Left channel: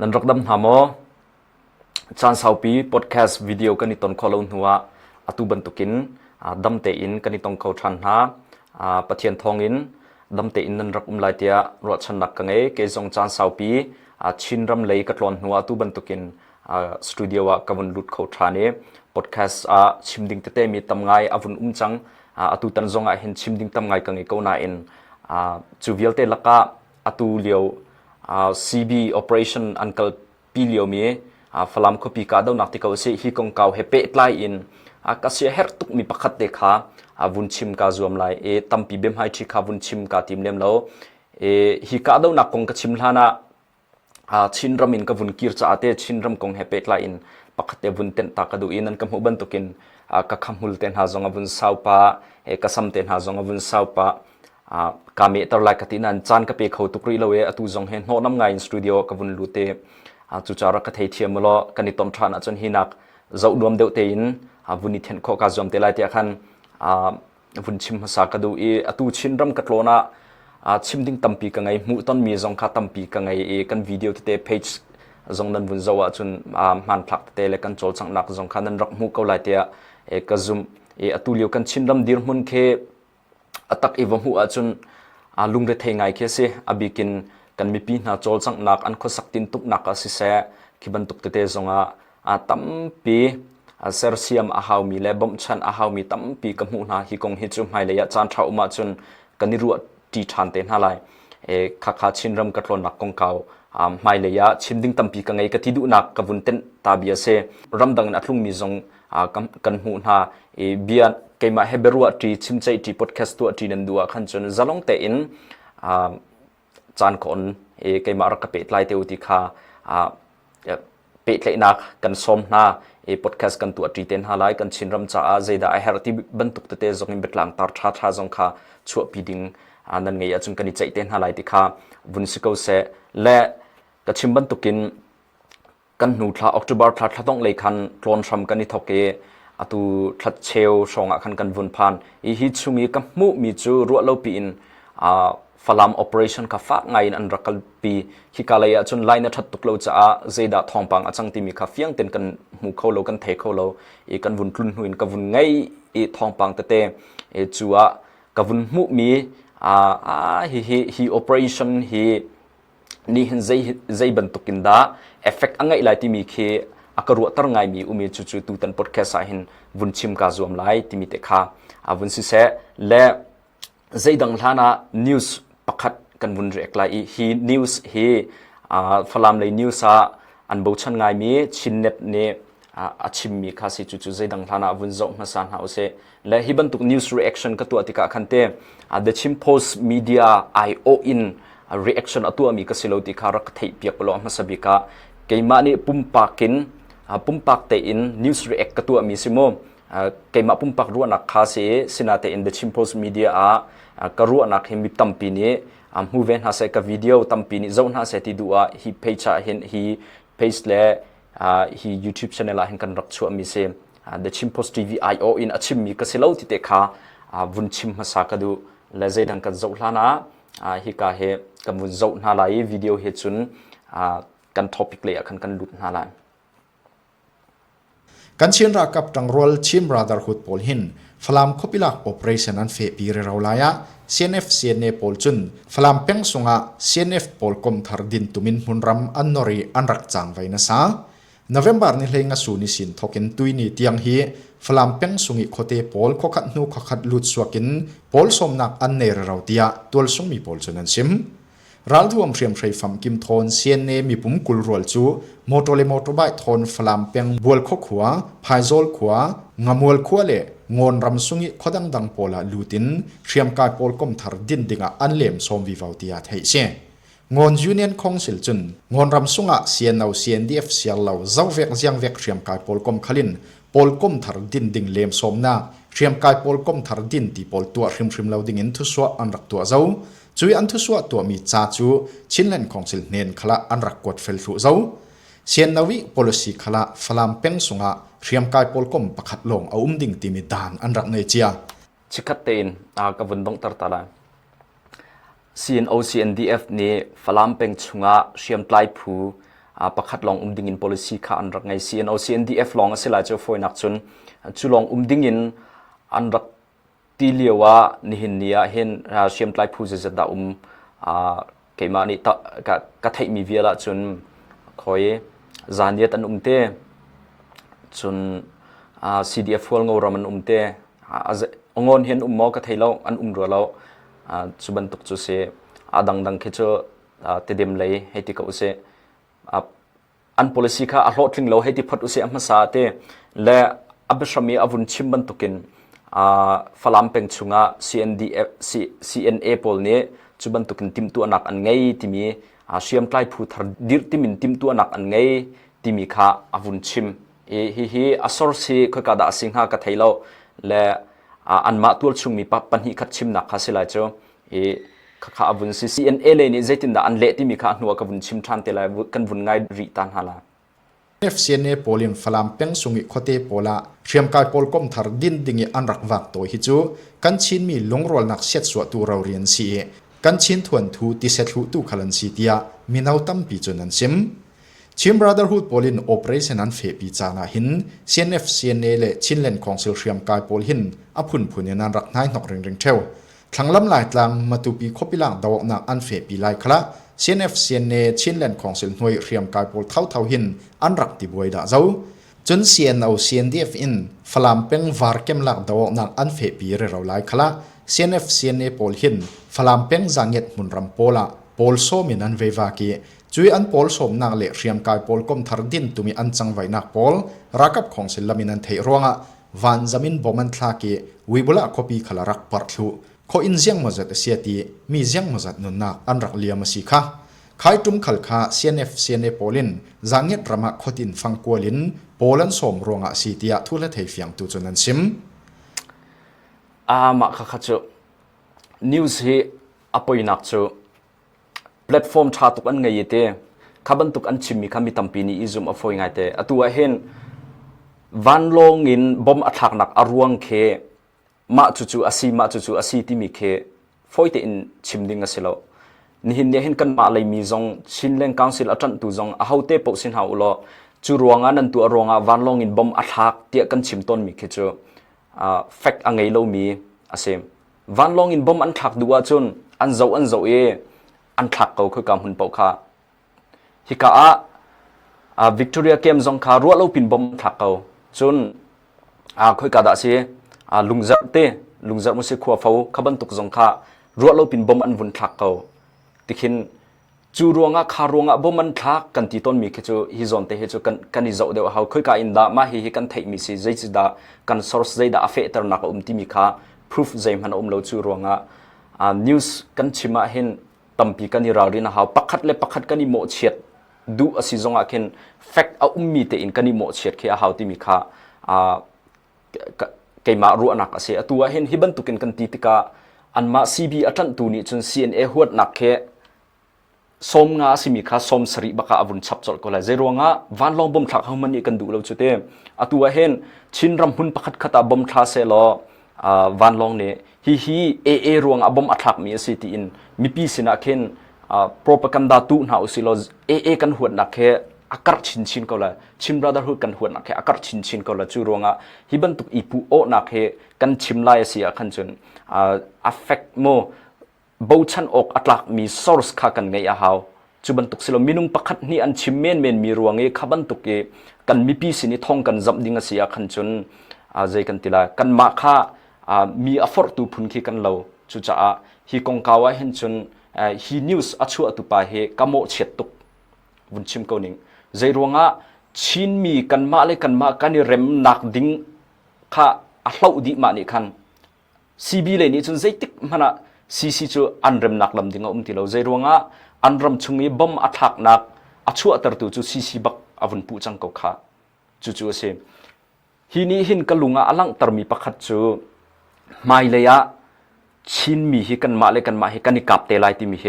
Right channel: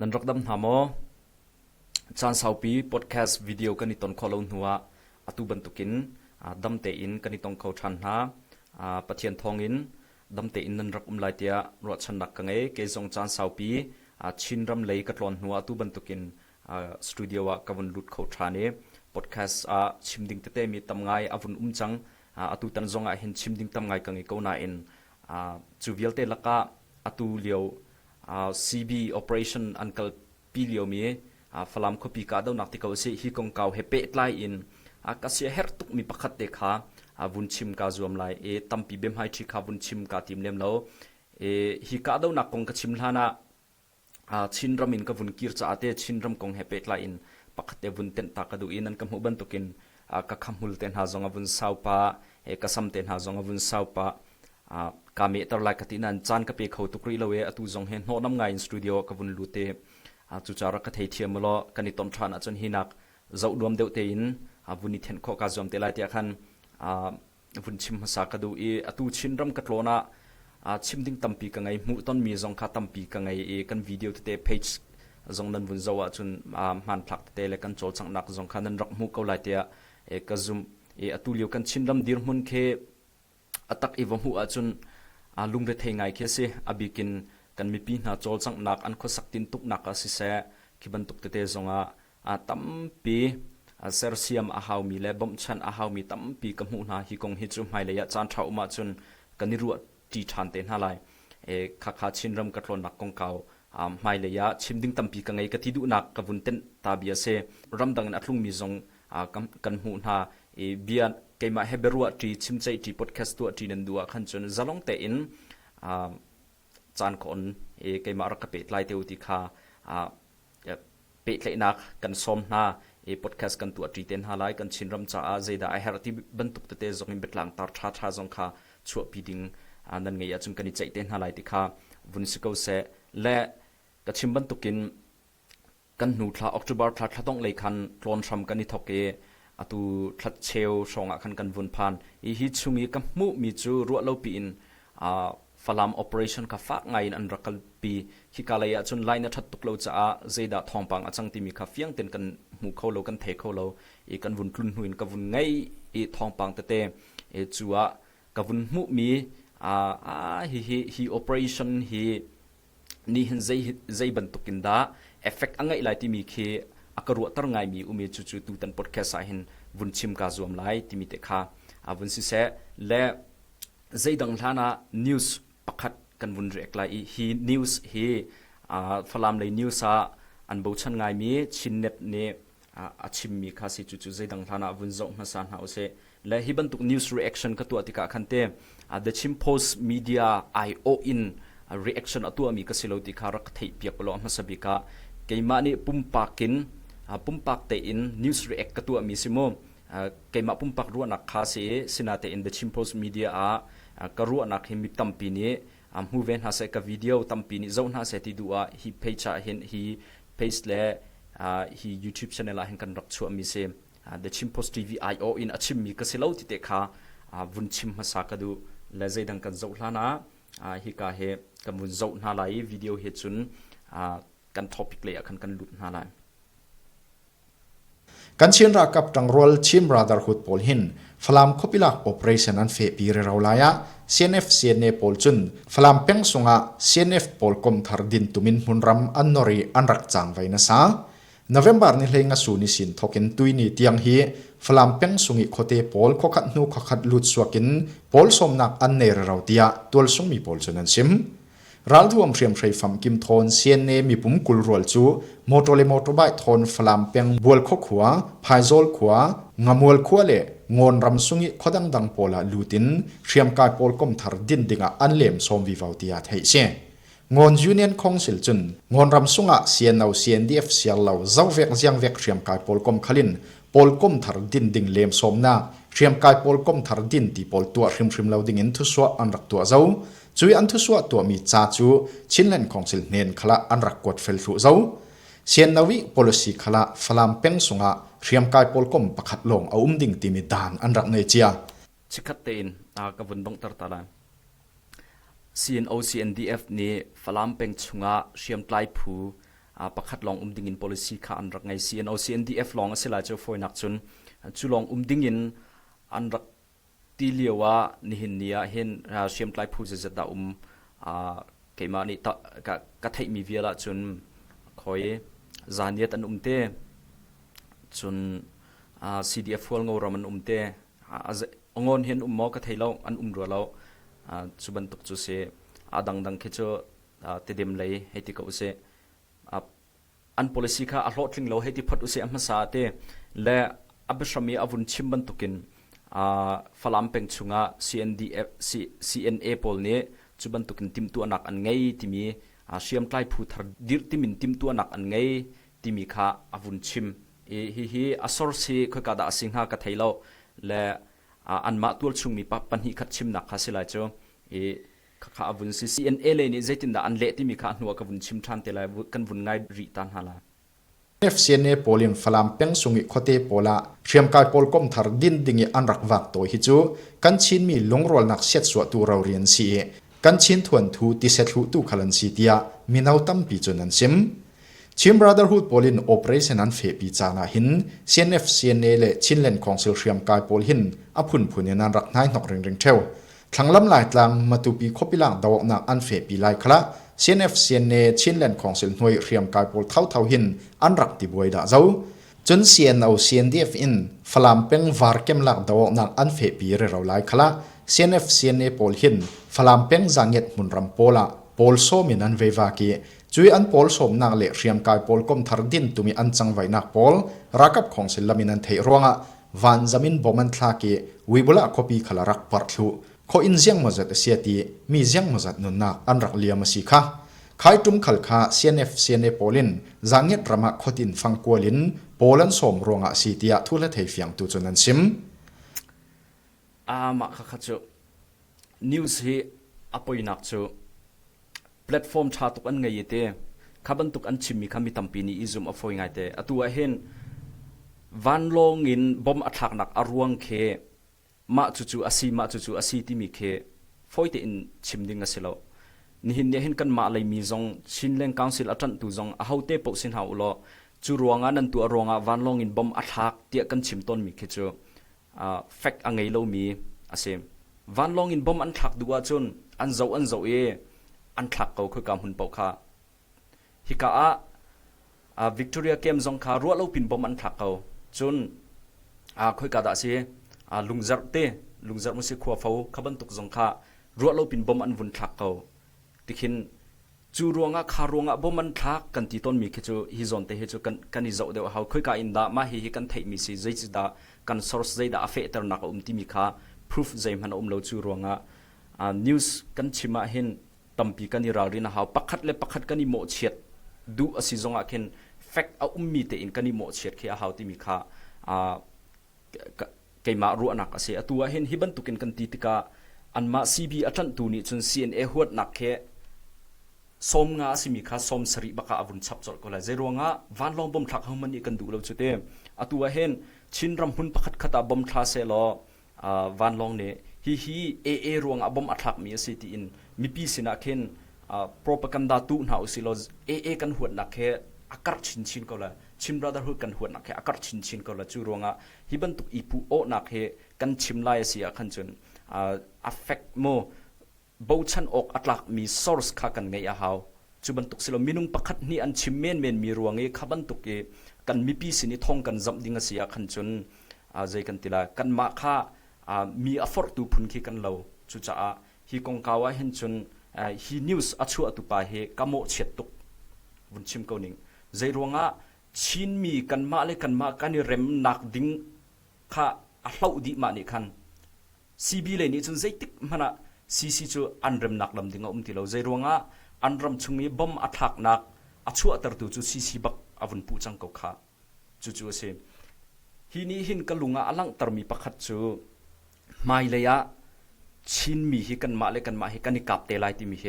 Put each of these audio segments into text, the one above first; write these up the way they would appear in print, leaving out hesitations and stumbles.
นันรักดำหามอจานสาวปีพอดแคสต์วิดีโอกันนิตอนคอลหัวอตุบันตุกินดำเตอินกันนิตอนเขาทันหาปะเทียนทองอินดำเตอินนันรักลายเตียรวดชนักกังเอเกจงจานสาวปีชินรำเลยกัดลอนหัวอตุบันตุกินสตูดิโอกับวันลุดเขาทันเอพอดแคสต์ชิมดิ้งเตมีตำไงอวุนจังอตุตันจงเห็นชิมดิ้งตำไงกังเอเขาหน้าอินจูเวลเตลักะอตุเลียวCB operation อันกัลปีเลียวมีฟลามคปีกาดาวนักที่เขาเสียฮิกงเกาเฮเปตไลอินก็เสียเฮร์ตุกมีปักขัดเด็กhaวุนชิมกาจวมไลตั้มปีเบมให้ชิคาวุนชิมกาทีมเลี้ยมแล้วฮิกาดาวนักกงกชิมลานะชินรำอินกับวุนกิร์จ้าเตชินรำกงเฮเปตไลอินปักขัดเตวุนเต็นตากระดูอินนั่นกับหัวบันตุกินกับคำหุลเต็นหาจงวุนสาวปะกับซ้ำเต็นหาจงวุนสาวปะกามีตลาดกตินันจานกับเปเขาตุกรีเลวอตุจงเห็นโนน้ำไงสตูดิโอกับวุนลูเตจุจาระกเทเทียมล้อกันนิตอนทรานจนหินักเจ้าดวมเดวเตินวุนิเทนโคกาจอมเตลัยเตียขันวุนชิมภาษากระดูอตุชินรำกัดโลนะชิมดิ้งตั้มปีกังไงมุต้นมีจงข้าตั้มปีกังไงกันวิดีโอเตเพจจงนั้นวุนเจ้าจนมันพลักเตเลกันโจลสังนักจงขันนั้นรักมุกเอาไลเตียกระซุมอตุเลียวกันชินรำดิรมุนเคตักอีวหัวจนลุงเรเทงไงเคสอบิกินกันมีปีนาโจลสังนักอันโคสักตินตุกนักสิเสคิบันตุกเตเตจงตั้มปีเซอร์เซียมอาหาวมีเลบอมชันอาหาวมีตั้มปีกับหูนาฮิกงฮิจุมไฮเลยจานเท้ามาจนกันนิรัวจีชันเตนฮาไลข้าชินรำกัดลนักกงเก่าไฮเลยชิมดิ้งตั้มปีกังไงกติดุนักกับวุนเตนตาเบียเซรำดังนัดลุงมีจงกันหูนาเบียนเกมาเฮเบรัวทีชิมใจทีพอดแคสต์ตัวทีนันดัวขันจนจะลงเตอินจานคนเกมารักเป็ดไลเตอุติคาเป็ดเลยนักกันสมนาพอดแคสต์กันตัวทีเต็นฮาไลกันชินรำจ่าzeidahไอเฮร์ที่บรรทุกเตจงอินเบตลังตาร์ชาจงคาชัวปีดิงนั่นไงจงกันใจเต็นฮาไลติคาวุนสิโกเซและกันชิมบรรทุกินกันหนูทลาออกจุบาร์ทลาต้องเลยคันกลอนชมกันนิทอกเกอตุทัดเชลชงขันกันวนพันฮิตชูมีกัมมุมีจูรัวเลปีนฟลามโอเปอเรชั่นกับฟ้าไงอันรักลปีฮิกาเลยจนไลน์ทัดตุกเลวจะzeidahทองปังจังที่มีคาเฟียงเต็นกันหูเขาเลวกันเทเขาเลวกันวนทุนหุนกันวนไงทองปังเตเตจัวกันวนมุมีฮีโอเปอเรชั่นฮีนี่เห็นใจบรรทุกินดาเอฟเฟกต์อังไงไลที่มีเคอากรัวตระไงมีอุเมจุจุตูตันพอดแคสต์หินวุนชิมกาจวมไลที่มีเตคาวุนสิเสและใจดังท่านะนิวส์ปักขัดกันวุนเรียกไลฮีนิวส์ฮีฟลามเลยนิวส์อันบูชันไงมีชินเน็ตเนอาชิมมีคาสิจุจุใจดังท่านะวุนจงมาสันหาเสและฮีบันตุกนิวส์รีแอคชั่นกับตัวติกาคันเตเดชิมโพสต์มีเดียไอโออินรีแอคชั่นตัวมีกสิโลติคารักเทียบเปียกปลอมาสบิกาเกมานี่ปุ่มปากินปุ่มปักเตอินนิวส์รีแอคกับตัวมีสิโมเกมาปุ่มปักรัวนักคาเซสินาเตอินเดชิมโพสมีเดียกรัวนักเฮมิตัมปีนี้มูเวนหาเซกับวิดีโอตัมปีนี้เจ้าหน้าเซติดูฮีเพจเห็นฮีเพจเล่ฮียูทูบช anel เห็นกันรักชัวมีเซเดชิมโพสทีวีไอโออินอาชิมมีกสิโลติเตคาวุนชิมมาสักดูและเจดังกันเจ้าหน้าฮิกาเฮกับวุนเจ้าหน้าไลวิดีโอเฮจุนกันท็อปิกเลยกันลุดหน้าไลกันเชียนรักกับจังรวลชิมราดาร์ฮุดปอลหินฟลามคบิลักโอเปอเรชั่นอันเฟปีเรราลายะ CNF CNA ปอลจุนฟลามเป็งสุงะ CNF ปอลคมทาร์ดินตุมินมุนรัมอันนอรีอันรักจางไว้นะซา November นี่เลยงสูนิสินทอกินตุยนี่เตียงฮีฟลามเป็งสุงิโคเตปอลขคัดนูขคัดลุดสวกินปอลสมนักอันเนรเราเตียตัวสงมีปอลจุนันซิมรัลทวมเรียมใช้ฟัมกิมทอนเซียนเนมีปุ่มกุลรัวจูมอเตอร์เลมอเตอร์ไบค์ทอนฟลามเปียงบัวขขวาพายโซลขวางามวลขวาเล่งอนรำสุงิขดังดังโพลาลูตินเรียมกายโพลกมทาร์ดินดิงอันเลมสมวิวาวติอาเทเชงอนยูเนียนคองซิลจุนงอนรำสุงะเซียนเอา CNDF เซียลเอาเจ้าเวกเจียงเวกเรียมกายโพลกมขลินโพลกมทาร์ดินดิงเลมสมนาเรียมกายโพลกมทาร์ดินตีโพลตัวริมเราดิงอินทุสวะอันรักตัวเจ้าจุยอันทุสวะตัวมีจ่าจูชินเลนของสิลเนนขละอันรักกดเฟลฟูเจ้าเซียนนาวิ policy ขละฟลามเป็งสุงะเรียมกายโพลกมประคัดลงเอาดิ่งตีมีดานอันรักเนเจียชิคัดเตนกับวันดงตร์ตาลา CNO CNDF นี่ฟลามเป็งสุงะเรียมไกลผู ประคัดลองดิ่งอิน policy ข้าอันรักไง CNO CNDF ลองเสลายเจ้าฝอยนักจนจุลองดิ่งอินอันรักตีเลียวว่านิหินเนียเห็นเชียมไตรผู้จะได้เกี่ยมานี่ตะกะไทยมีเวลาจนคอยจานเดียตันเตจนCDF ฟอลงอรามันเตองอนเห็นมอกะไทยเราอันรัวเราจุบันตุกจุเสดังๆคิดว่าเตดิมเลยให้ที่เขาเสอัน policy ข้าอัลโหลดลิงเราให้ที่พัดอุเสอมาสาเตและอับชมีอาวุธชิมบันตุกินฝรั่งเป็นชุงะ CNA พอลนี้จุบันตุกินติมตัวนักอันไงที่มีเชียมใกล้ผู้ทร์ดิรติมินติมตัวนักอันไงที่มีข้าอาวุธชิมฮีอัสอร์ซีค่อยกระดาสิงหากระไทยเราและอันมาตัวชุงมีปัญหาขัดชิมนักข้าเสียแล้วเจ้าข้าอาวุธซี CNA เลยนี่ใจตินดาอันเละที่มีข้าหนัวกับอาวุธชิมทันเตลัยกันวุ่นง่ายรีตันฮาลาCNA โพลินฟลามเป็งสุงิโคเตโพลาเชียมกายโพลกอมทาร์ดินดิงอันรักวักตัวฮิจูกันชินมีลงรอลนักเสียดสวดตัวเราเรียนสีกันชินทวนทูติเซตหูตูขลันสีเตียมีนาวตั้มปีจนันซิมชิมบราเดอร์ฮูดโพลินโอเปอเรชั่นอันเฟปีจานาหิน CNF CNA เลชินเลนของเซลเชียมกายโพลหินอพุนพุนยันรักนายนกเริงเริงเทวทั้งลำลายตลังมาตุปีคบปีหลังดาวนักอันเฟปีไลคละCNF CNA ชินเลนของเซลหน่วยเรียมกายโพลเท่าหินอันรักติบวยดาเจ้าจน CNO CNDF อินฟลามเป็งวาร์เกมหลักดาวนักอันเฟปีเรเราไลคละ CNF CNA โพลหินฟลามเป็งจังเงตมุนรัมโพละโพลโซมินันเววากีจุยอันโพลสมนักเละเรียมกายโพลก้มทาร์ดินตุมีอันจังไว้นักโพลรักกับของเซลลามินันเทรวงะวันจามินบอมันทลากีวิบุละคอปีขลารักปัดลุขออินเซียงมาจัดเสียตีมีเซียงมาจัดนุนนักอันรักเลียมาสิค่ะขายจุ่มขลขา CNF CNA โพลินจังเงตรมาขดินฟังกัวลินโพลันสมรวงะสีตียทุเลเทียงตุจนันซิมมาข้าเจ้านิวส์ฮีอปอยนักเจ้าแพลตฟอร์มชาตุกันไงเตะขับันตุกันชิมมีคำมีตั้มปีนี้อิซุมอฟอยไงเตะตัวเห็นวันลงอินบอมอัฐากนักอรวงเคมาจู่ๆอาศีที่มีเคฟอยเตอินชิมดิ้งกันเสียแล้วนี่เห็นเห็นกันมาเลยมีจงชินเลงกังสิลอัจันตุจงอาหูเตปกสินหาอุลจู่รวงอันนั้นตัวรวงวันลงอินบอมอัฐากเตียกันชิมต้นมีเคเจ้าแฟกอังไงเรามีอาเซมวันลงอินบอมอันทักดูว่าจนอันเจ้าอันทักเขาคือกำหุ่นเปล่าค่ะฮิกาวิกตอเรียเกมจงค่ะรัวเราปินบอมอันทักเขาจนคือกาดาเสียลุงจับมุสิขวาฟ้าขบันตุกจงค่ะรัวเราปินบอมอันวุ่นทักเขาติขินจูรวงคารวงบอมอันทักกันที่ต้นมีแค่จูฮิจอนเตะจูกันฮิจเดียวเขาคือกาอินดามาฮิกันเทมิสิzeidahกัน source zeidah อเฟตร์นักที่มีค่ะ proof ใจมันเราจูรวงnews กันชิมาเห็นตั้มปีกันนี่เราเรียนหาปักขัดกันนี่โมเชียดดูอสิจงอาเคน fact มีเตอินกันนี่โมเชียดแค่หาที่มีค่ะเกี่ยมารู้นักเสียตัวเห็นฮิบันตุกินกันตีติกาอันมา CB อัจันตูนี่จน CNA หัวนักแค่สมงาสิมีค่ะสมสริบักอาวุธชับจดก็เลยเจรวงวันลองบ่มทักเขามันนี่กันดูเราจุดเต็มตัวเห็นชินรำหุ่นปักขัดบ่มทักเสลอวันลองเนี่ยฮีเอรวงบ่มอัทักมีสิตีอินมีปีสินะเคนpropaganda ตุน่าอุสิโลกันหัวนักแค่อากาศชินก็เลยชิม brotherhood กันหัวนักแค่อากาศชินก็เลยจูรวงฮิบันตุกอีปูโอนักแค่กันชิมไล่เสียขันจนaffect โมบูชันอกอัตลักมี source ข้ากันไงฮาวจูบันตุกสิโลมินุงปักขัดนี่อันชิมเมนมีรวงขับันตุกกันมีปีสินี่ท่องกันจับดิ้งเสียขันจนใจกันติลากันมาข้ามีอฟอร์ตูพุนคีกันเราจุจ้าฮีกงกาวะเห็นจนฮีนิวส์อัชัวตุปาเฮกามโมเฉียดตุกบุญชิมเกาหนิงใจรวงชินมีกันมาเลยกันมากันนี่เร็มหนักดิ้งข้าอัลลาอุดิมานี่คันซีบีเลยนี่จนใจติกมันซีจูอันเร็มหนักลำดิ้งติเราใจรวงอันเร็มชงมีบอมอัทักหนักอัชัวตรตุจูซีบักอวุนปูจังเกาข้าจู่เซมฮีนี่หินกลุงอลังตรมีประคัดจูไม่เลยชินมีฮิกันมาเลยกันมาฮิกันนิกับเตลัยที่มีเฮ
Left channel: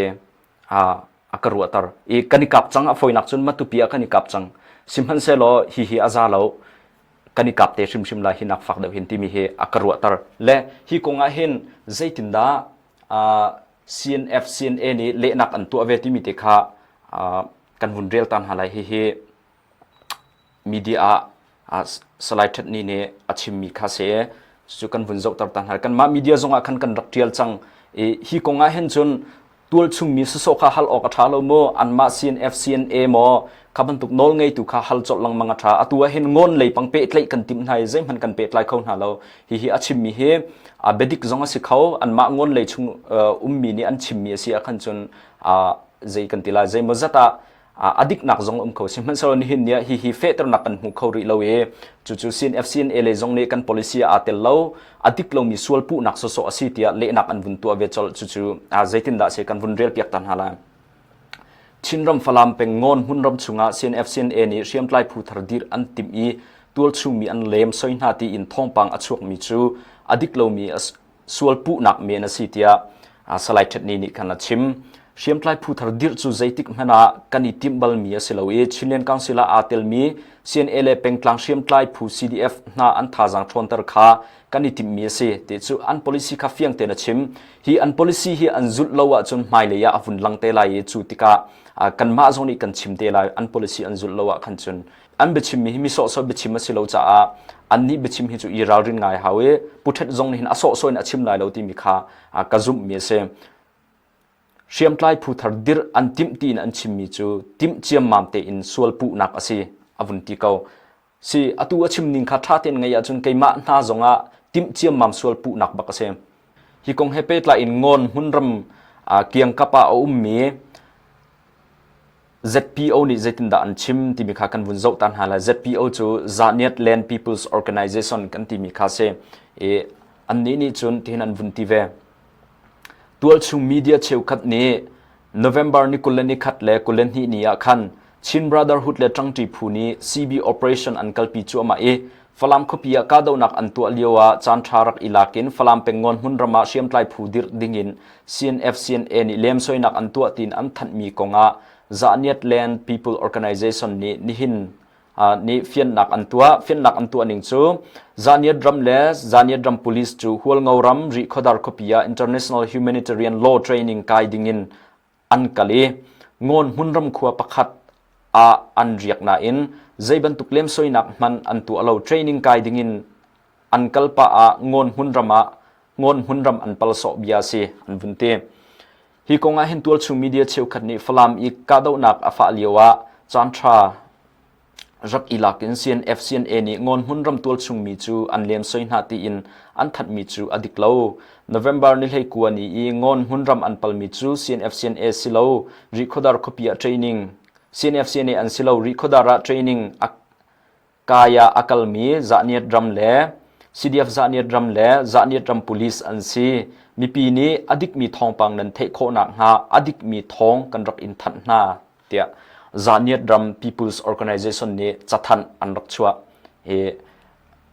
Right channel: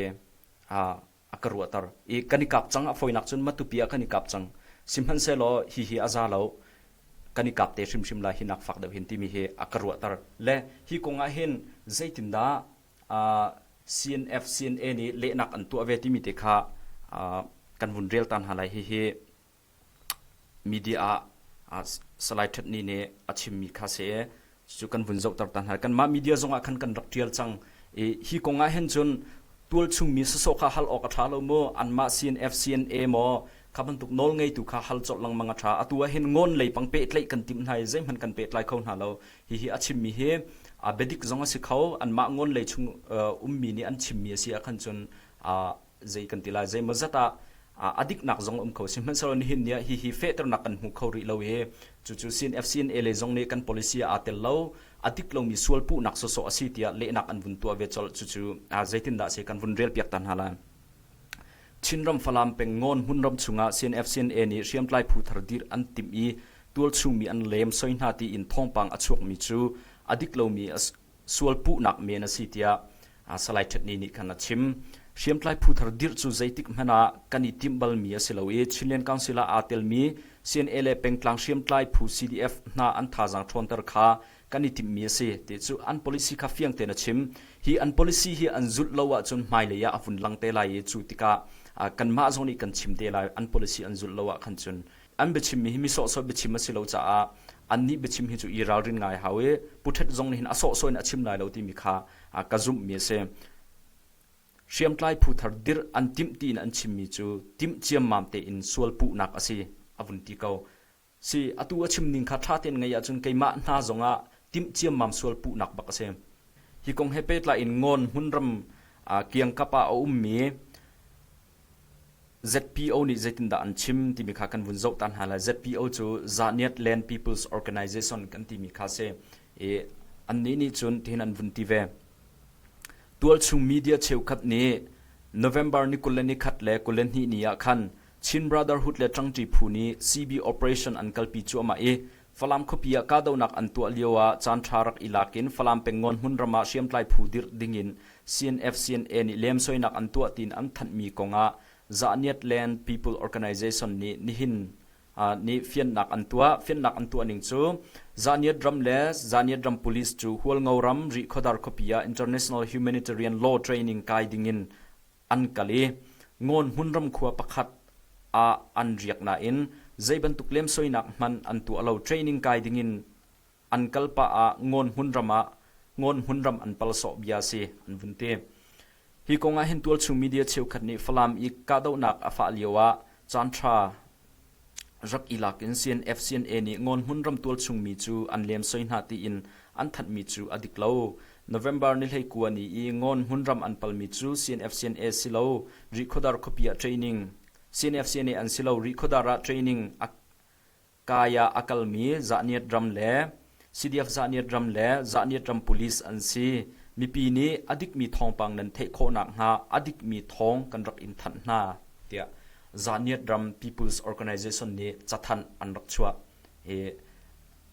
กรัวตร์กันนิกับจังฟอยนักจนมาตุปีกันนิกับจังสิมฮันเซโลฮิอาซาโลกันนิกับเตชิมลาฮินักฝักเดวินที่มีเฮกรัวตร์และฮิคงอาเห็นใจตินดาCNF CNAนี่เละนักอันตัวเวทีมีเตค่ะ kan hun real tan halai hi media selected ni ne achim mi khase chu kan hun zau tar tan hal kan ma media zonga kan raktial chang hi konga hen chun tul chung mi so kha hal ok thalo mo an ma CNF CNA mo kaban tuk nol ngei tu kha hal chot lang manga tha atua hen ngon lei pang pe tlai kan tim nai zem han kan pe tlai khon halo hi achim mi he a bedik zonga si khau an ma ngon lei chung mi ni an chim mi si a khan chun zei kan tila zei mazata adik nak zong kho simhan so ni hin nia hi fe ter nak kan hu kho ri lo e chu CNF CNA le zong ne kan policy a tel lo adik lo mi sual pu nak so asi tia le nak an bun tu ave chol chu zaitin da se kan bun rel piak tan hala chinram falam peng ngon hunram chunga CNF CNA ni riam tlai phu thar dir an tim i tul chung mi an lem soina ti in thong pang achuak mi chu adik lo mi sual pu nak me na si tia salai chat ni kana chim riam tlai phu thar dir chu zaitik hana kani timbal mi asiloe chilen council a tel mi CNA le peng tlang riam tlai phu CDF na an tha jang thon tar kha kani tim mi se te chu an policy kha fiang te na chim hi an policy hi an zul lowa chun Hmailei ya avun lang te lai chu tika kan ma zoni kan chim te lai an policy an zul lowa khan chun an bechim mi so bechim asilo cha an ni bechim hi chu i ral rin ngai hawe puthet zong ni hin aso so in achim lai lo ti mi kha kazum mi se riam tlai phu thar dir an tim tin an chim mi chu tim chiam mam te in sual pu nak asi avun ti kau si atu achim ning kha tha ten ngai ya chun keima na zonga tim chiam mam sual pu nak bak ase hi kong hepe tla in ngon hunram kiang kapa mi ZPO ni zaitin da an chim ti mi kha kan vun zau tan hala ZPO chu Zaniat Land People's Organization kan ti mi kha se an ni chun tin an vun ti ve tual chung media cheu khat ni November ni kulani khat le kulen hi ni ya khan Chin Brotherhood le tangti phuni CB operation an kalpi chu ma falam khopia ka do nak an tu aliwa chan tharak ilakin falam pengon hunrama siam tlai phudir dingin CNF CNA ni lem soinak an tu tin an than mi konga Zaniat Land People Organization ni hin ni fian nak an tua ning chu Zaniat dram police chu hual ngauram ri khodar khopia international humanitarian law training kai dingin an kali ngon hunram khuwa pakhat an riak na in zeiban tuklem soinak man an tu alo training kai dingin an kalpa ngon hunram an palso biasi an bunte hi konga hin tual chung media cheu khatni falam I kado nak afa liwa chantra rak ilakin CNF CNA ni ngon hunram tual chung mi chu an lem soina ti in an that mi chu adiklo November ni lei kuani I ngon hunram an pal mi chu CNF CNA silo recordar copy training CNF CNA an silo recordara training kaya akalmi Zaniat dram le CDF Zaniat dram le Zaniat dram police an si mi pi ni adik mi thong pang nan thei kho nak ha adik mi thong kan rak in than na tia Zaniat dram People's Organization ni chathan an rak chua he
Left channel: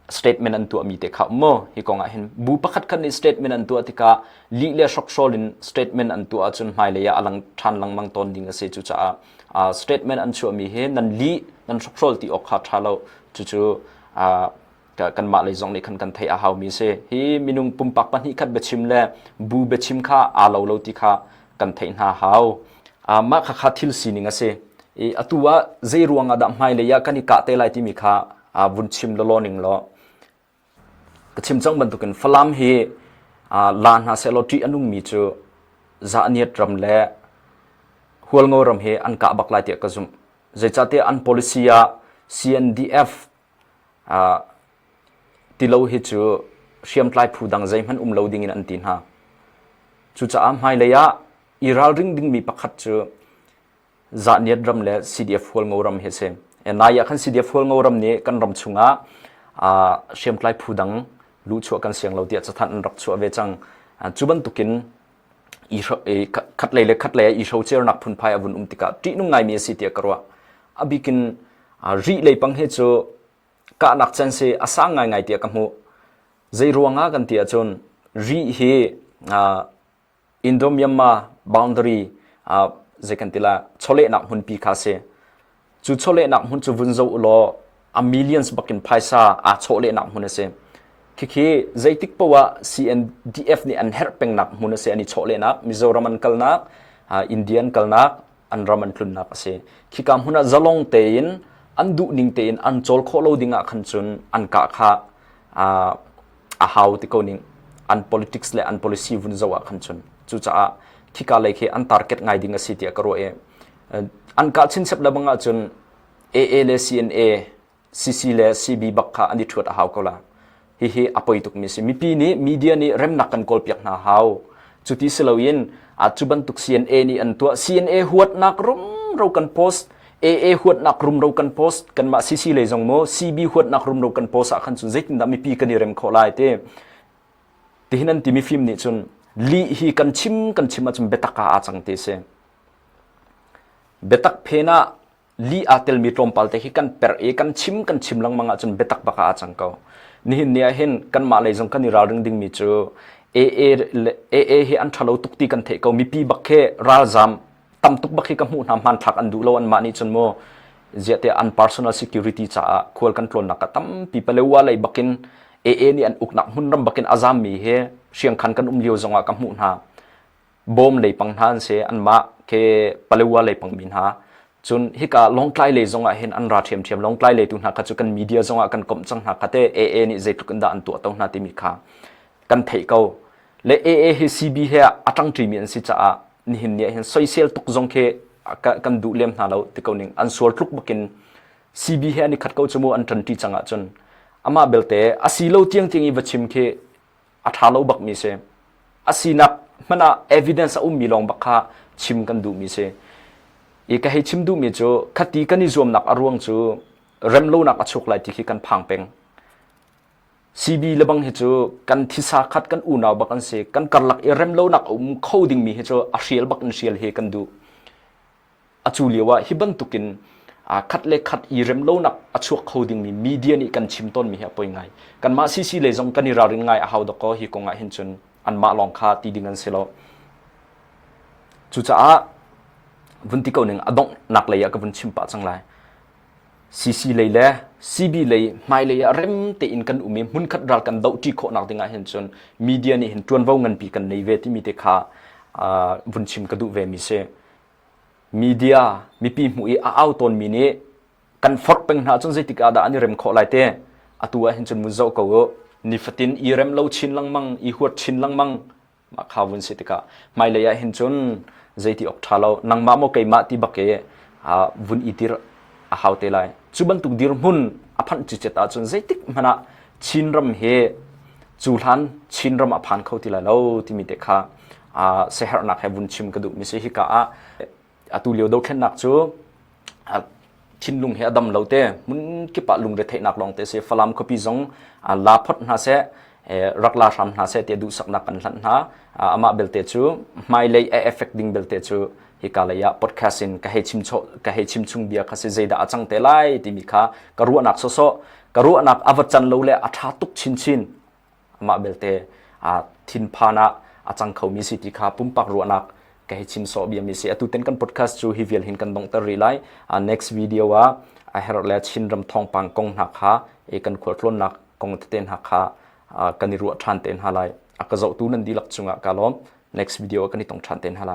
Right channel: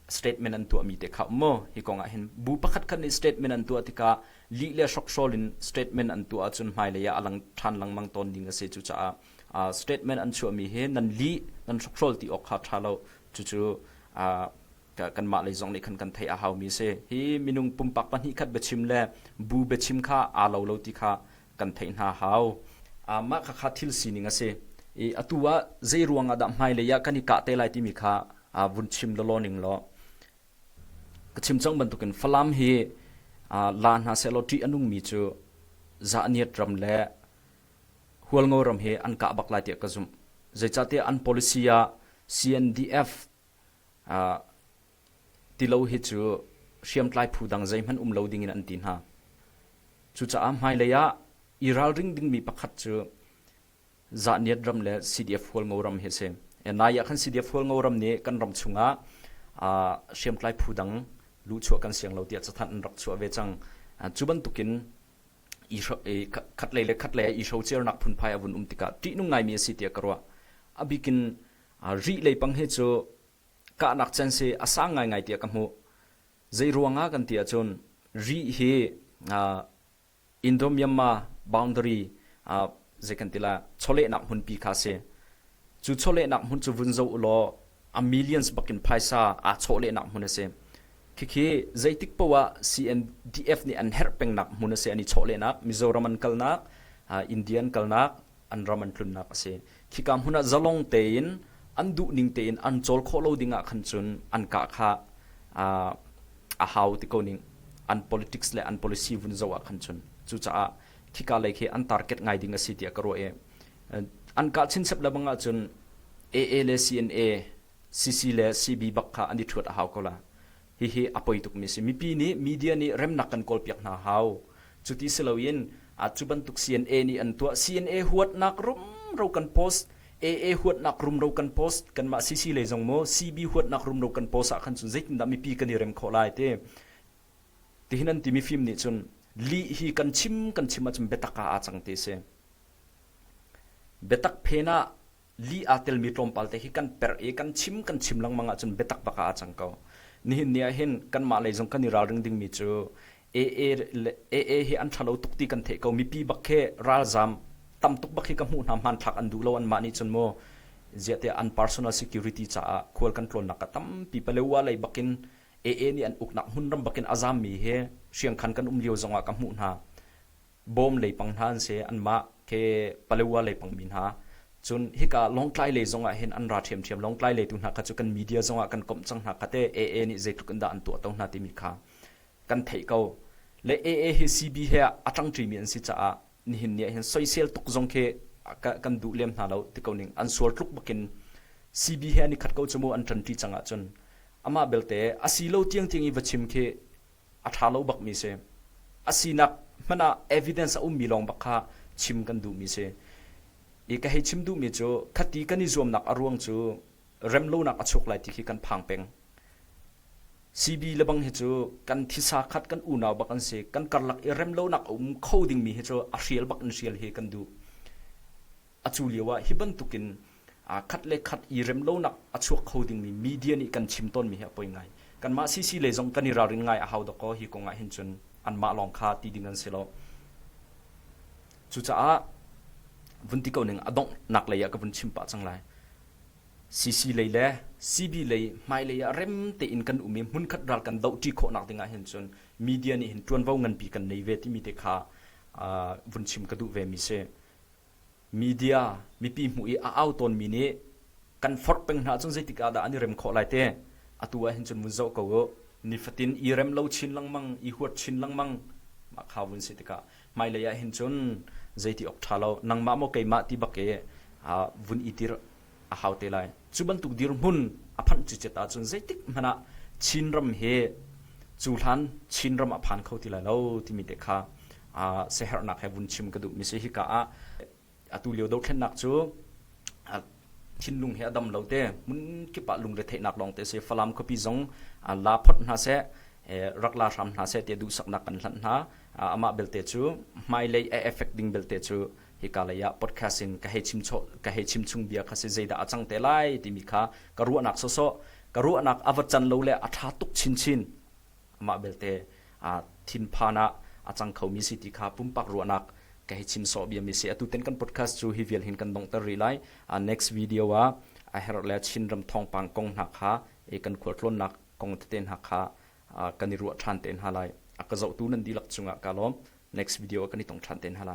statement an tu mi te kha mo hi konga hin bu pakhat khan ni statement an tu atika li le shok sholin statement an tu achun Hmailei ya alang than lang mang ton ding ase chu cha statement an chu mi he nan li nan shok shol ti ok kha thalo chu kan ma lei zong ni kan thei a haw mi se hi minung pumpak pan hi khat bechim le bu bechim kha a lo ti kha kan thei na haw ma kha thil sining ase atua zei ruanga da Hmailei ya kani ka te lai ti mi kha bun chim lo ning lo kachim chang ban tukin falam hi lan ha seloti anung mi chu Zaniat ram le hual ngoram he an ka bak lai ti ka zum zeichate an policy ya CNDF tilo hi chu siam tlai phu dang zai man loading in an tin ha chu cha Hmailei ya iral ring ding mi pakhat chu Zaniat dram le CDF hual ngoram he se na ya khan CDF hual ngoram ni kan ram chunga siam tlai phu dang lu chu kan siang lo ti chathan rak chu ve chang chuban tukin khat le I show chair nak phun phai avun tika ti nu ngai mi si ti karwa abikin ri le pang he chu ka nak chen se asa ngai ti ka mu zei ruanga kan ti achon ri hi Indo Myanmar boundary zekantila chole nak hun pi kha se chu chole nak hun chu vun zo lo a millions bakin paisa chole nak hun se kiki zaitik pawa CNDF ni an herpeng nak mun se ani chole nak Mizoram an kalnak Indian kalnak อันรามันทุนนักเสขี้กามหุ่นจะลงเตนอันดุนิ่งเตนอันโจลโคโลดิงะขันจุนอันกะค่ะหาวที่เขานิ่งอัน politics และอัน policy วุ่นวายขันจุนจู่จ้าขี้กาเลยอัน target ไงดิ่งสิที่กระโรเออันกะชินเสพแล้วบังอาจุน AA และ CNA CC และ CB บักค่ะอันนี้ถวดหาวเขาละฮิอภัยตุกมิสิมีปีนี้มีเดียนี่เริ่มนักกันกอลเปียกนาหาวจุดที่เสลวินอาจจะบันทุก CNA นี่อันตัว CNA หัวนักรุมเรากันโพส AA หัวนักรุมเรากันโพสกันมา CC เลยจงโม CB หัวนักรุมเรากันโพสขันสุดเจ็ดนั่นมีปีกันนี่เริ่มขอไล่เต้ที่นั่นที่มีฟิล์มนี่จนลีฮีกันชิมมาจนเบตักอาจังเตเสเบตักเพน่าลีอาเตลมีตรมปัลเตฮิกันเปรเอกันชิมลังมังอาจนเบตักบักอาจังเขานี่เนี่ยเห็นกันมาเลยจงกันนี่ราดึงดิ่งมีจูเอเฮอันชาโลตุกตีกันเทเขามีปีบักเคราจามตำตุกบักเคกับหูน้ำมันทักอันดูโลอันมานี่จนโมเจตอัน personal security จ้าควรกันโคลนนักตั้มปีเปเลวอะไรบักกินเอนี่อันอุกนักหุ่นรำบักกินอาจามมีเฮเชียงคันกันเลียวจงอากับหูน้าบอมเลยปังทานเสอันมาเคเปเลวอะไรปังมินฮาจนฮิกาลงไกลเลยจงอาเห็นอันราเทียมลงไกลเลยตุนหักจุกันมีเดียจงอากันกลมจังหักเตเอนี่ใจตุกันดาอันตัวตรงนาติมิคากันเทเขาและเอเฮซีบีเฮอัตังทรีมีอันสิจ้านี่เห็นเนี่ยเห็นโซเชียลตุกจงเคกันดูเลี้ยมนาเราที่เขาหนึ่งอันสวดทุกบักินซีบีเฮนี่ขัดเขาจมูกอันทันทีจังอาจนอามาเบลเตอาศิโลเตียงอีวัชิมเคอัฐาโลบักมีเซอาศินักมันอะเอวิเดนซ์มีลองบักค่ะชิมกันดูมีเซอีกให้ชิมดูมีจูขัดตีกันนิจวมนักอารวงจูเริ่มโลนักอชกไหลที่ขี้กันพังเป็งซีบีเลบังเฮจูกันทิศาขัดกันอุณาวบักันเสกันกัลลักเริ่มโลนักเข้าดิ่งมีเฮจูอาเชียลบักันเชียลเฮกันดูอจูเลียวะฮิบันตุกินขัดเล็กขัดอีเริ่มโลนักอชวกเข้าดิ่งมีเดียนี่กันชิมต้นมีเฮปอยไงกันมาซีเลยจงกันนิราริงไงอาหาวดก็ฮิกงไงเห็นจนอันมาลองคาตีดิ่งกันเสลจู่จ้าวันที่เขาหนึ่งอดงนักเลยกับวันชิมปะจังไรซีเลยแหละซีบีเลยไม่เลยเริ่มตีอินกันอุมิมุนขัดรัลกันดาวจีโคนักติงาเห็นจนมีเดียนี่เห็นจวนว่าเงินปีกันในเวทีมีเตค่าวันชิมกระดูเวมิเซมีเดียมีปีมุยเอาตนมีนี้กันฟอดเป็นหาจนใจติกาดาอันนี้เริ่มขอไล่เตะตัวเห็นจนมุนเจ้าเขานิฟตินอีเริ่มเล่าชินลังมังอีหัวชินลังมังมาข่าววันสิติกาไม่เลยเห็นจนใจที่ออกทาเรานังมาโมเกยมาที่บักเกวันอีทีอาหาวเตลัยจุบันตุกดีรมุนอภันจิตตาจนใจติกมันชินรำเฮจูลันชินรำอภันเขาที่ละเราที่มีเตค่าเสหนักให้วันชิมกระดูมิเสหิกาตุเลียวดาวเทนนักจูชินลุงเฮอดัมเราเตมุนกิปะลุงเรเทนักลองเตเสฟลามคบีจงลาพดนาเสรักลาชามนาเสเตดูสักนักกันหลันนาอามาเบลเตจูไม่เลยเอฟเฟกต์ดิ้งเบลเตจูฮิกาเลยพอดแคสต์กะให้ชิมชุงเบียคาเซzeidahจังเตลัยที่มีค่ากระรัวนักโซกระรัวนักอวจันโลเลอัฐาตุกชินอามาเบลเตทินพานะจังเขามีสิทธิค่าปุ่มปักรัวนักกะให้ชิมโซเบียมีสิตุเต็นกันพอดแคสต์จูฮิเวลหินกันดงตรีไลnext video ว่าเฮรเลชินรำทองปังกงหักฮะกันขวดล้นนักกงเต็นหักฮะกันนิรัวชันเต็นฮาไลกระเจ้าตูนันดีลักจุงะกาลอม next video กันนี่ต้องชันเต็นฮาไล